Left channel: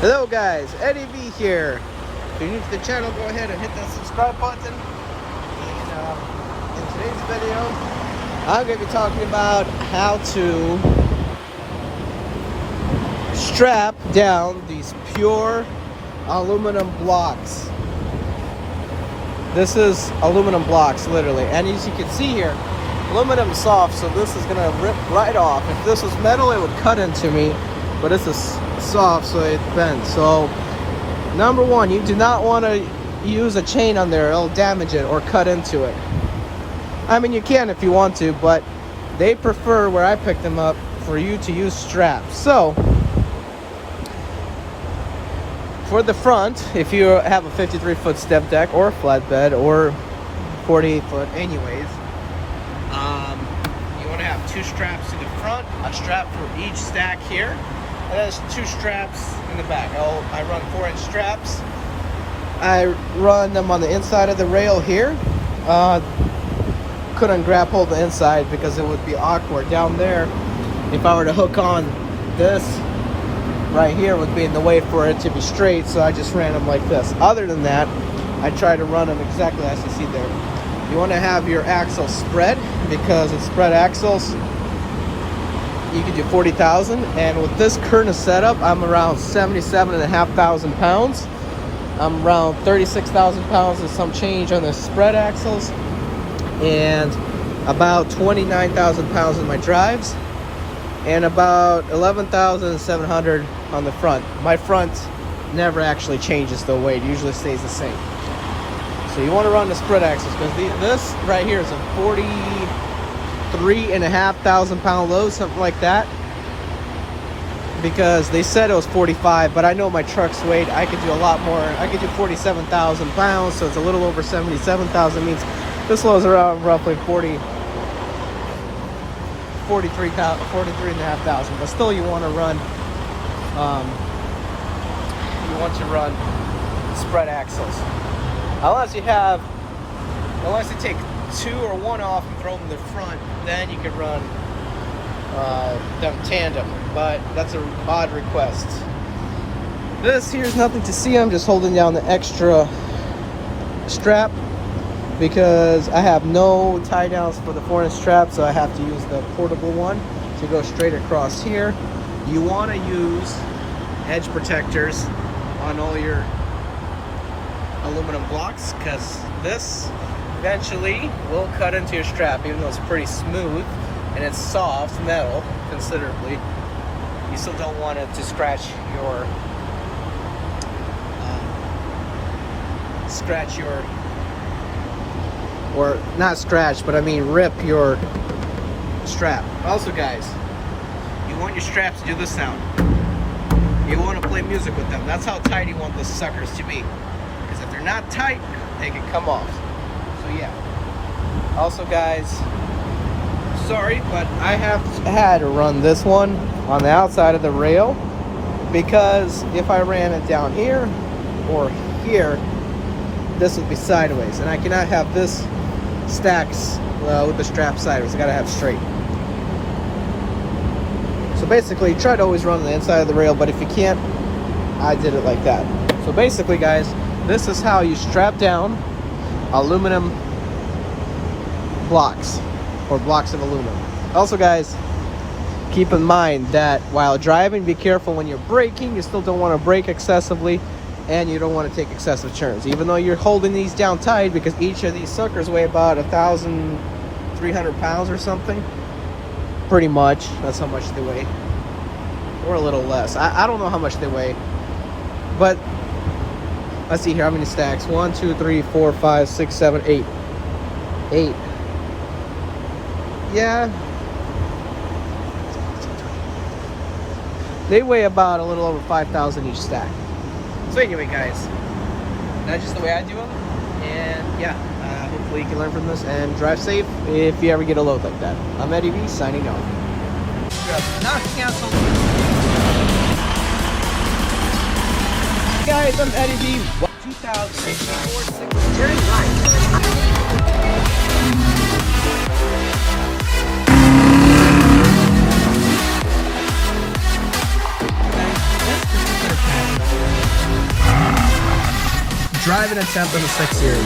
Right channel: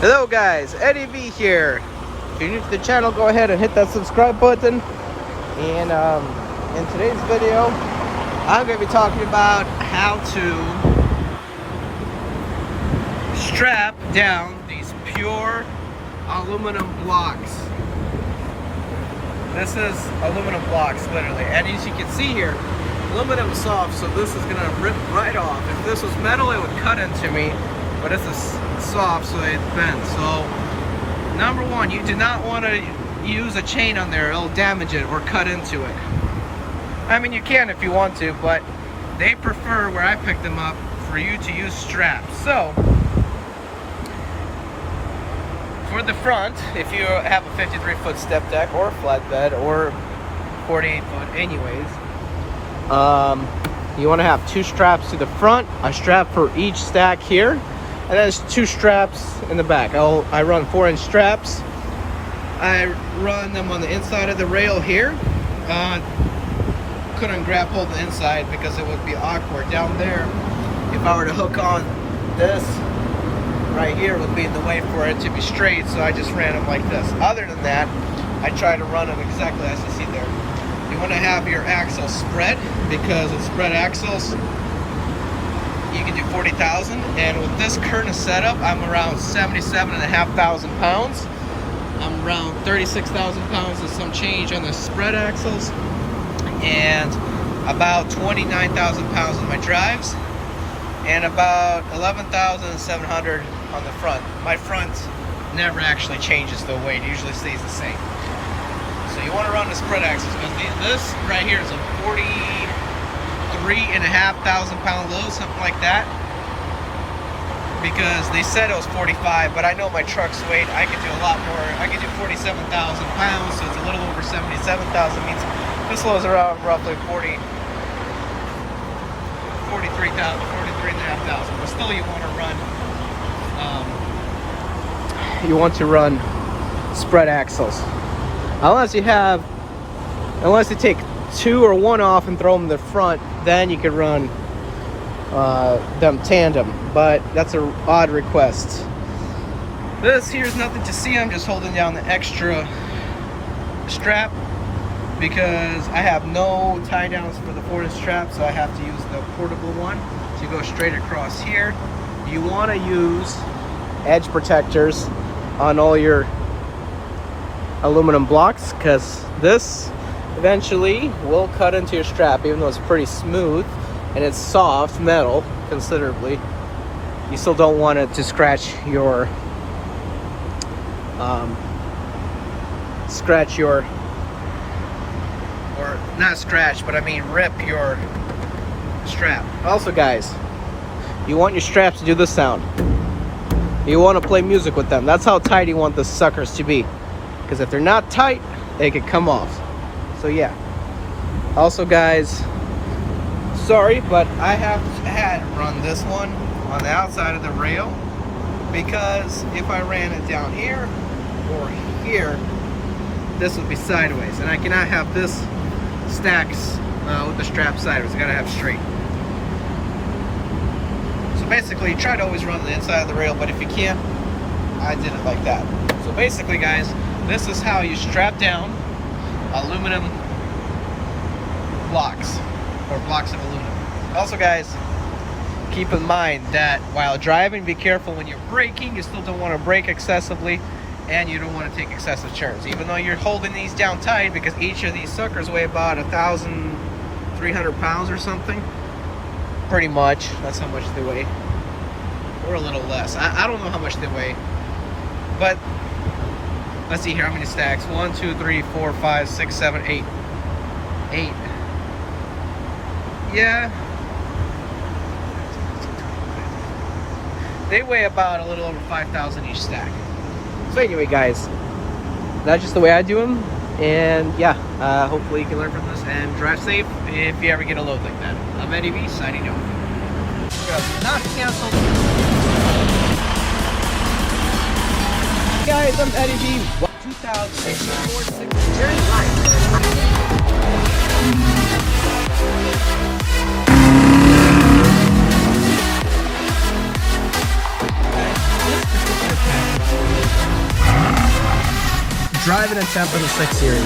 Hello guys, Eddie V here. If you're new to the channel, go ahead and hit that subscribe button. And in today's video, I'm going to be talking about how to strap down these pure aluminum blocks. This is aluminum blocks, literally. And as you can see here, aluminum is soft, so this is going to rip right off. If this was metal, it would cut into me. But this is soft, so it bends. So number one, you do not want to use a chain on there. It'll damage it or cut into it. I mean, you can if you want to, but they prefer, where I picked them up, for you to use straps. So for the front, if you have a 53-foot step deck or a flatbed or 48-foot anyways, you want to have two straps to the front, a strap for each stack here. And there's two straps in the back. I run 4-inch straps. I run them on the inside of the rail here. Couldn't grab hold of the inside because it would be awkward down there. If I were to hook on this right here, would be in the way for it to be straight, so I just ran them like this. Other than that, I try to run them exactly as you see there. You want to have your axles spread, because with spread axles, you can do 40,000, and with this current setup, I'm around 77,500 pounds. I'm around 36,000 pounds and some change on the spread axles, and about 29,000 pounds on my drives, and about 11,700 on the front. My front never actually changes the weight; it usually stays the same. So you want to run the spread axles, because this right here is a 43,500 pound load, something like that, because they said it was 45, but I know my truck's weight, I could do a lot more. I could do 47,000 pounds, so it's a little over 77,000. Means this load's around roughly 43,500, but still you want to run spread axles, unless you take two or one off and throw them in the front, then you could run them tandem, but that's an odd request. This here's nothing to see. I'm just holding down the extra strap because I have no tie downs for the 4-inch strap, so I have to use the portable one to go straight across here. You want to use edge protectors on all your aluminum blocks, because this eventually will cut into your strap. Even though it's pretty smooth and it's soft metal considerably, you still don't want it to scratch your or not scratch, but I mean rip your strap. Also guys, you want your straps to do this sound. You want to play music with them. That's how tight you want the suckers to be, because if they're not tight, they could come off. So yeah. Also guys, sorry, but I have had to run this one on the outside of the rail, because if I ran it down here or here, this would be sideways, and I cannot have this stacks with the strap sideways. I gotta have straight. So basically, try to always run on the inside of the rail, but if you can't, I did it like that. So basically guys, this is how you strap down aluminum blocks, or blocks of aluminum. Also guys, keep in mind that while driving, be careful when you're braking. You still don't want to brake excessively, and you don't want to take excessive turns, even though you're holding these down tight, because each of these suckers weigh about 1,300 pounds or something. Pretty much, that's how much they weigh, or a little less. I don't know how much they weigh, but let's see here, how many stacks? 1, 2, 3, 4, 5, 6, 7, 8. 8. Yeah. They weigh about a little over 5,000 each stack. So anyway guys, that's just the way I do them. And yeah, hopefully you can learn from this and drive safe if you ever get a load like that. I'm Eddie V, signing off. Not canceled. Guys, I'm Eddie V. 2004 turn right. This particular package driving attempt on the 6 Series.